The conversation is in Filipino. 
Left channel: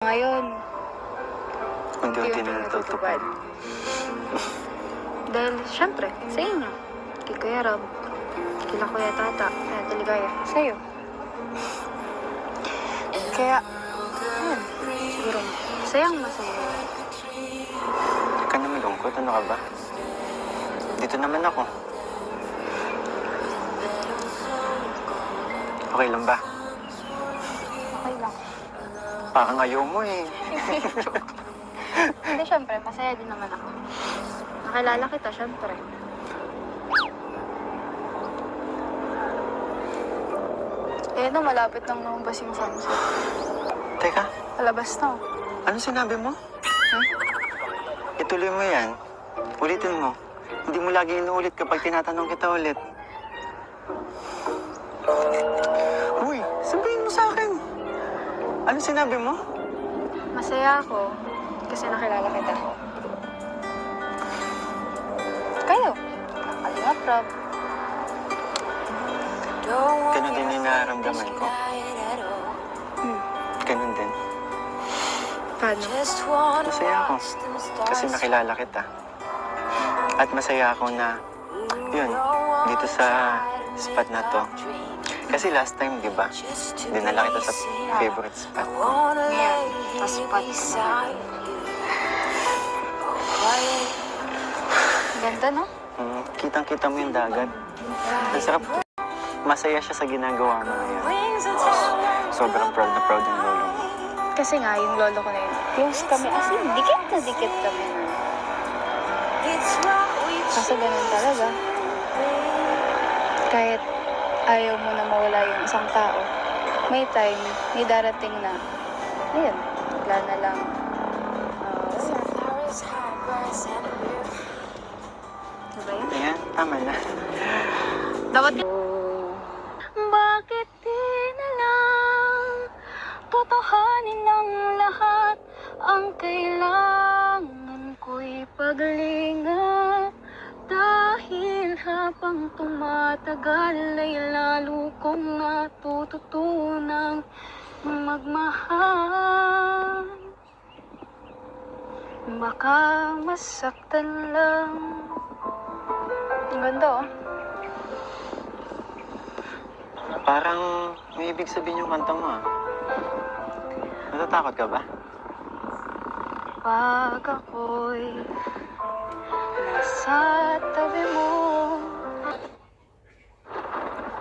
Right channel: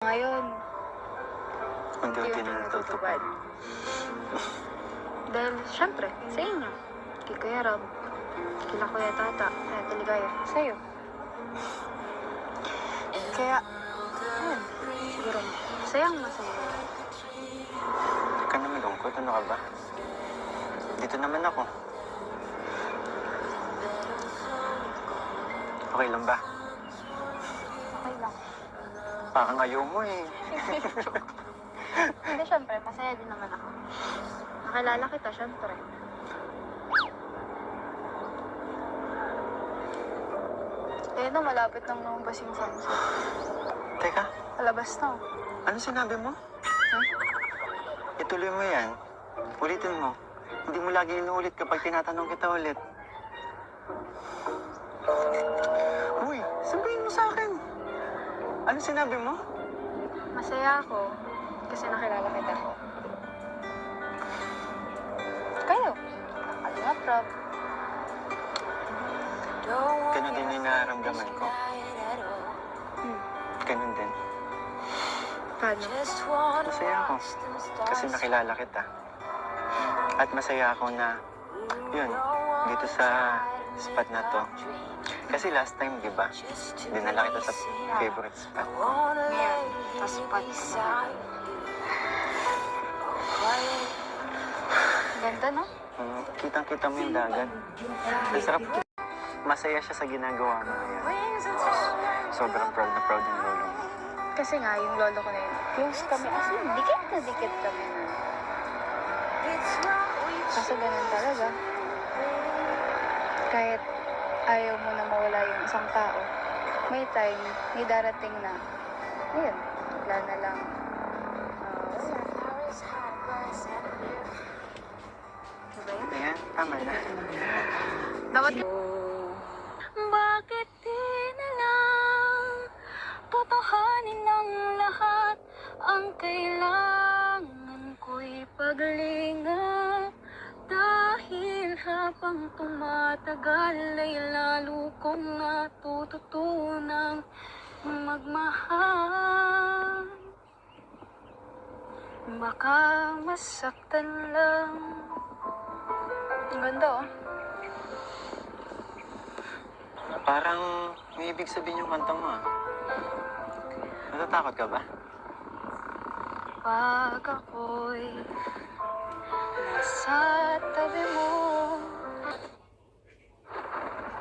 Ngayon, Unti-unti na natutupad. dahil syempre, sa inyo, kay Kuya Rob, kila Kuya Tata, kaya Taligaya, sa'yo. Kaya, ayun, siguro, masayang masaya. Huwag ka na malungkot, ano ka ba? Dito naman ako. Okay lang ba? Okay lang. Parang ayaw mo eh. Hindi, syempre, masaya din naman ako. Nakilala kita, syempre. Eh, no, malapit nang lumabas yung sunset. Teka, Palabas na. ano sinabi mo? Ituloy mo yan. Ulitin mo. Hindi mo lagi inuulit kapag tinatanong kita ulit. Uy, sabihin mo sa akin. Ano sinabi mo? Masaya ako kasi nakilala kita. Kayo, Kalingap Rob. Ganun din yung nararamdaman ko. Ganun din. Paano? Masaya ako kasi nakilala kita. At masaya ako na, yun, dito sa spot na to. Kasi last time, di ba, dinala kita sa favorite spot. Ngayon, paspat. Ganda, no? Kitang-kita mo yung dagat. Ang sarap. Masaya siya sa ginagawa mo ngayon. Sobrang proud na proud yung lolo mo. Kasi nga, yung lolo ko na yun, close kami, as in, dikit na dikit kami. Kaso ganun talaga. Kahit ayaw mo na mawala yung isang tao, may time, may darating na, ayun, wala na lang. Diba yun? Ayan, tama na. Dapat bakit di na lang totohanin ang lahat? Ang kailangan ko'y paglinga. Dahil habang tumatagal ay lalo kong natututunang magmahal. Baka masaktan lang. Ang ganda, oh. Parang may ibig sabihin yung kanta mo, ah. Natatakot ka ba? Pag ako'y nasa tabi mo,